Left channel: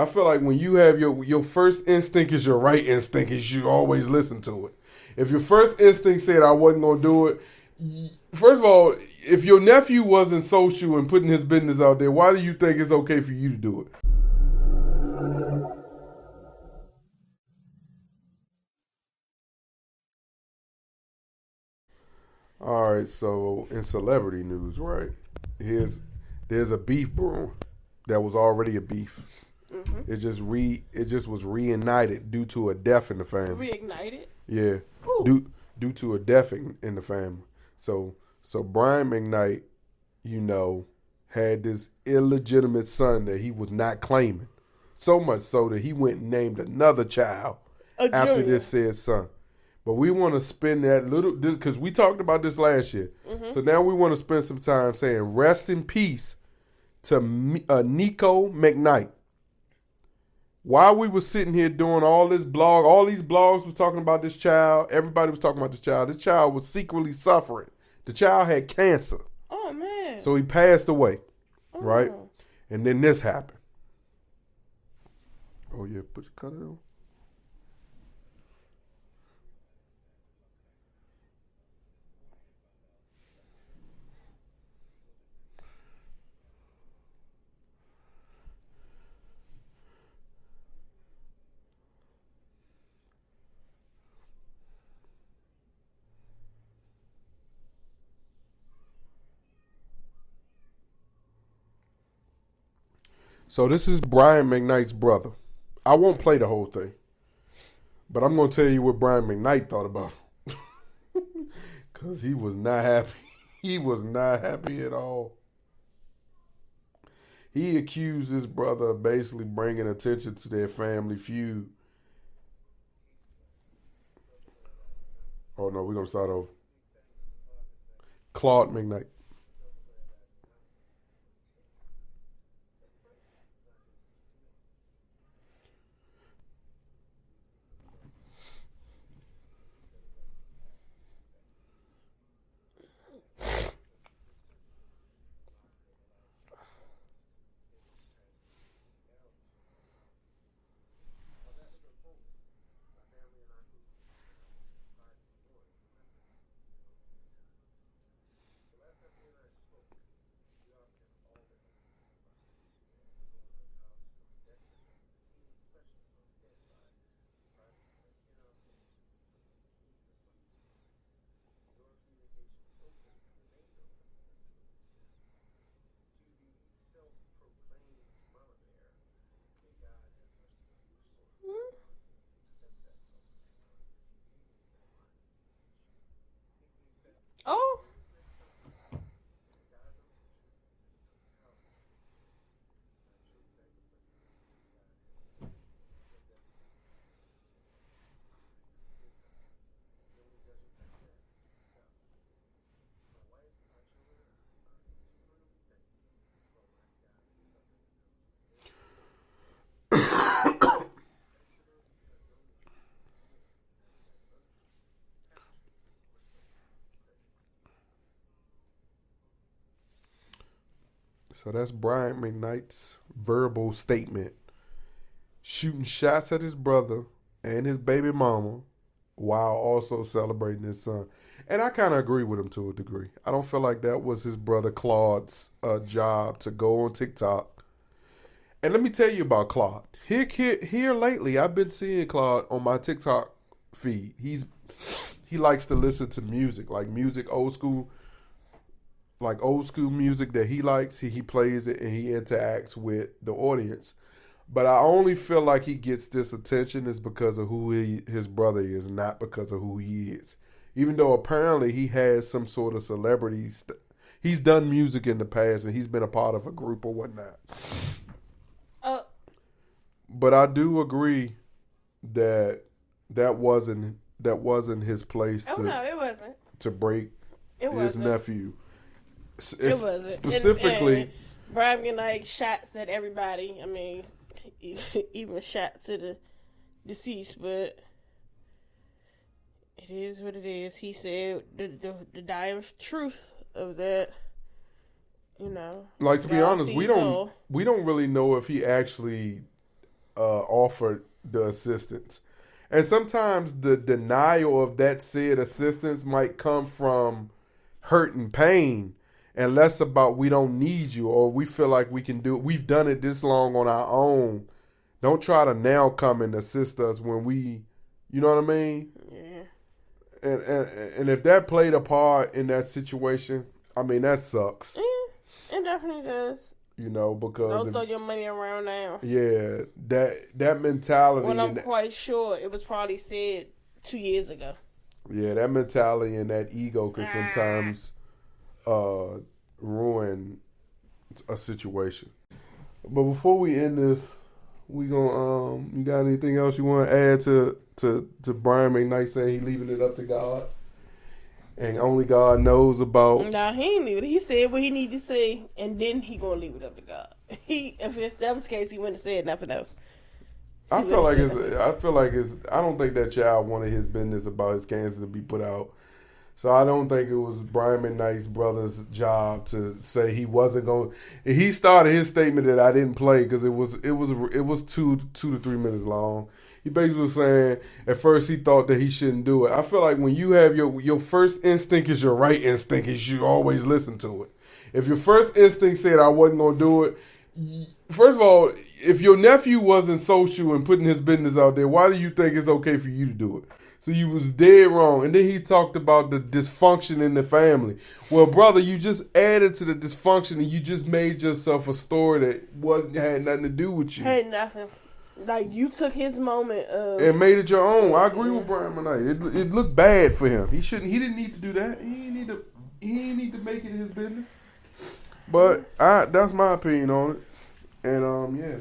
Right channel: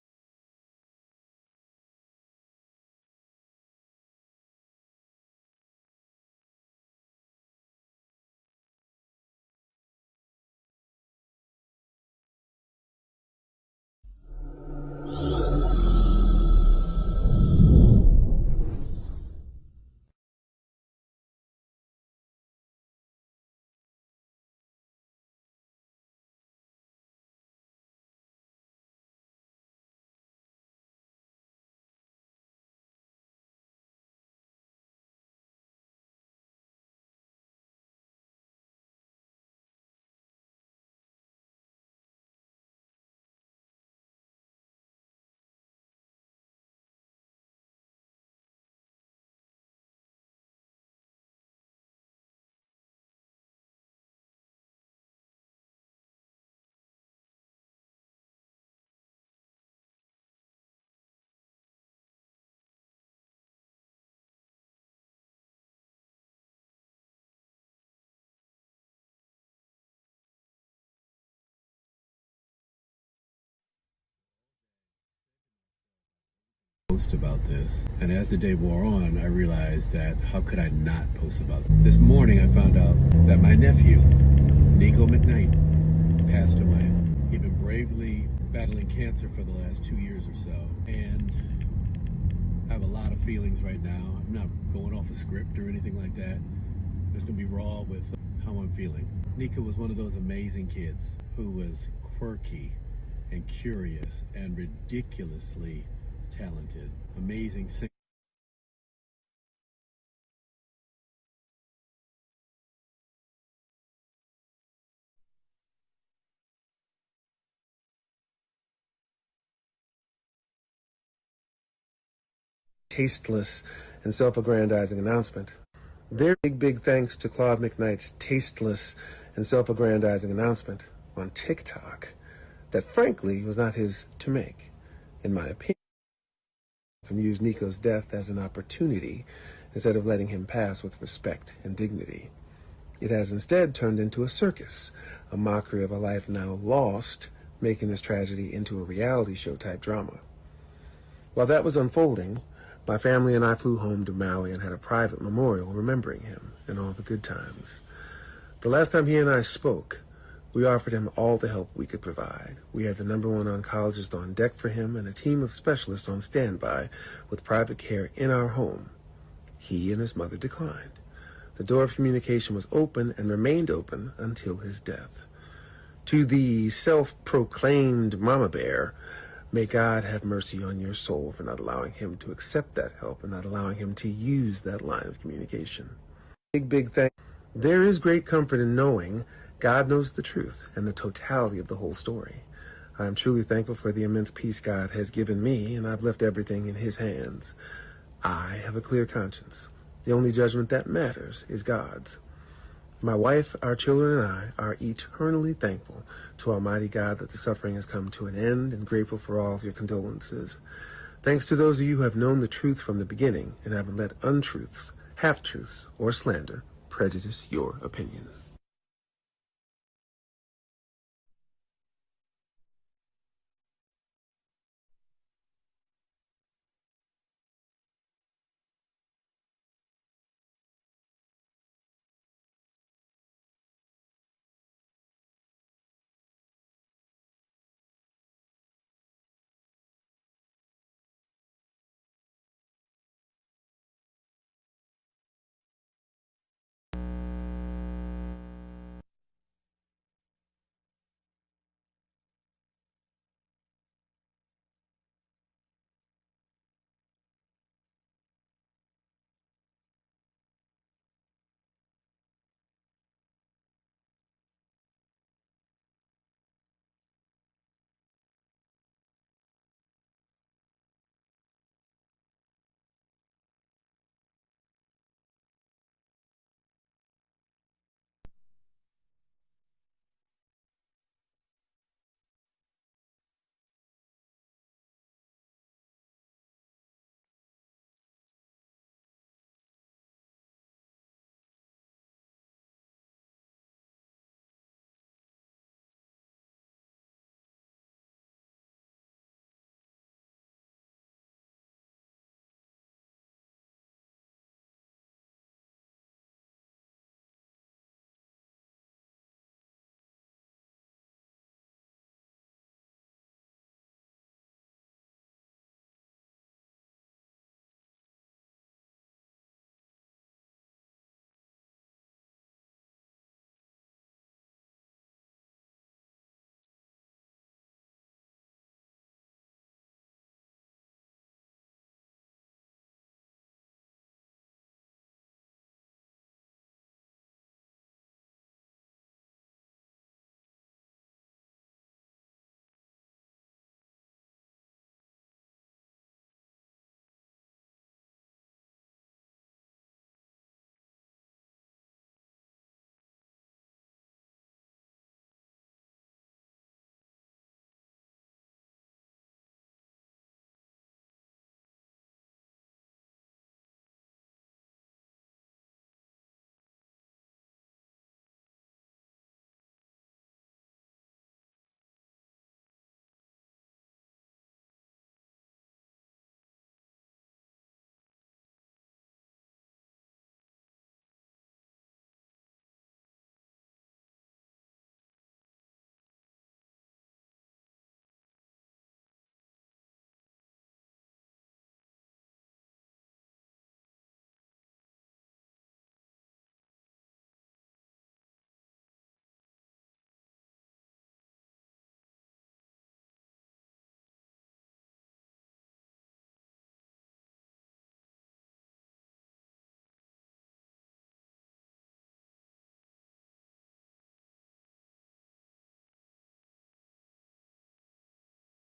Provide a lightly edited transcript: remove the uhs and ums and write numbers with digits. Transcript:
I feel like when you have your first instinct is your right instinct, you should always listen to it. If your first instinct said I wasn't gonna do it, first of all, if your nephew wasn't social and putting his business out there, why do you think it's okay for you to do it? All right, so in celebrity news, right? There's a beef brewing that was already a beef. Mm-hmm. It just was reignited due to a death in the family. Reignited? Yeah, due to a death in the family. So Brian McKnight, had this illegitimate son that he was not claiming. So much so that he went and named another child after this said son. But we want to spend this because we talked about this last year. Mm-hmm. So now we want to spend some time saying rest in peace to Nico McKnight. While we were sitting here doing all these blogs was talking about this child. Everybody was talking about this child. This child was secretly suffering. The child had cancer. Oh, man. So he passed away, right? And then this happened. Oh, yeah, cut it on. Post about this, and as the day wore on, I realized that how could I not post about it? This morning, I found out that my nephew, Nico McKnight, passed away. He'd been bravely battling cancer for the last 2 years or so, and I have a lot of feelings right now. I'm not going off a script or anything like that. I'm just gonna be raw with how I'm feeling. Nico was one of those amazing kids who was quirky. So this is Brian McKnight's brother. I won't play the whole thing. Amazing. But I'm going to tell you what Brian McKnight thought about it. Because he was not happy. He was not happy at all. He accused his brother of basically bringing attention to their family feud. Tasteless and self-aggrandizing announcement. Oh, no, we're going to start over. Big thanks to Claude McKnight's tasteless and self-aggrandizing announcement on TikTok. That frankly was not his to make, in my opinion. And used Nico's death as an opportunity instead of letting him pass with respect and dignity. It has instead turned into a circus, a mockery of a life now lost, making this tragedy into a reality show type drama. While that was unfolding, my family and I flew home to Maui and had a private memorial remembering him and all the good times. The last time he and I spoke, we offered him all the help we could provide. We had the #1 oncologist on deck for him and a team of specialists on standby with private care in our home. He and his mother declined. The door of communication was open and remained open until his death. To the self-proclaimed mama bear, may God have mercy on your soul for not allowing him to accept that help and not allowing him to use that line of communication. Big thank. Oh. There is great comfort in knowing God knows the truth and the totality of the whole story. I am truly thankful for the immense peace God has given me, and I've left everything in his hands. I have a clear conscience. The only judgment that matters is God's. My wife, our children, and I are eternally thankful to Almighty God that the suffering has come to an end and grateful for all of your condolences. Thanks to those of you who have known the truth from the beginning and haven't let untruths, half-truths, or slander prejudice your opinion. So that's Brian McKnight's verbal statement, shooting shots at his brother and his baby mama while also celebrating his son. And I kind of agree with him to a degree. I don't feel like that was his brother Claude's job to go on TikTok. And let me tell you about Claude. Here lately, I've been seeing Claude on my TikTok feed. He likes to listen to music, like music old school music that he likes. He plays it and he interacts with the audience. But I only feel like he gets this attention is because of who his brother is, not because of who he is. Even though apparently he has some sort of celebrity. He's done music in the past and he's been a part of a group or whatnot. But I do agree that wasn't his place it wasn't. To break his nephew. It wasn't. Specifically, and Brian McKnight shots at everybody. I mean, even shots to the deceased, but it is what it is. He said the dire truth of that. Like, to be honest, we don't really know if he actually offered the assistance. And sometimes the denial of that said assistance might come from hurt and pain and less about we don't need you or we feel like we can do it. We've done it this long on our own. Don't try to now come and assist us when we, you know what I mean? Yeah. And if that played a part in that situation, I mean, that sucks. Yeah, it definitely does. You know, because don't throw your money around now. Yeah, that mentality. Well, I'm quite sure it was probably said 2 years ago. Yeah, that mentality and that ego can sometimes ruin a situation. But before we end this, we gonna you got anything else you want to add to Brian McKnight saying he leaving it up to God? And only God knows about. Nah, he ain't leave it. He said what he need to say, and then he gonna leave it up to God. If that was the case, he wouldn't have said nothing else. I feel like it's. I don't think that child wanted his business about his cancer to be put out. So I don't think it was Brian McKnight's brother's job to say he wasn't going. He started his statement that I didn't play because it was 2 to 3 minutes long. He basically was saying at first he thought that he shouldn't do it. I feel like when you have your first instinct is your right instinct, you should always listen to it. If your first instinct said I wasn't going to do it, first of all, if your nephew wasn't social and putting his business out there, why do you think it's okay for you to do it? So you was dead wrong. And then he talked about the dysfunction in the family. Well, brother, you just added to the dysfunction and you just made yourself a story that had nothing to do with you. Had nothing. Like, you took his moment of... And made it your own. I agree with Brian McKnight. It looked bad for him. He didn't need to do that. He didn't need to make it his business. But that's my opinion on it. And, yeah.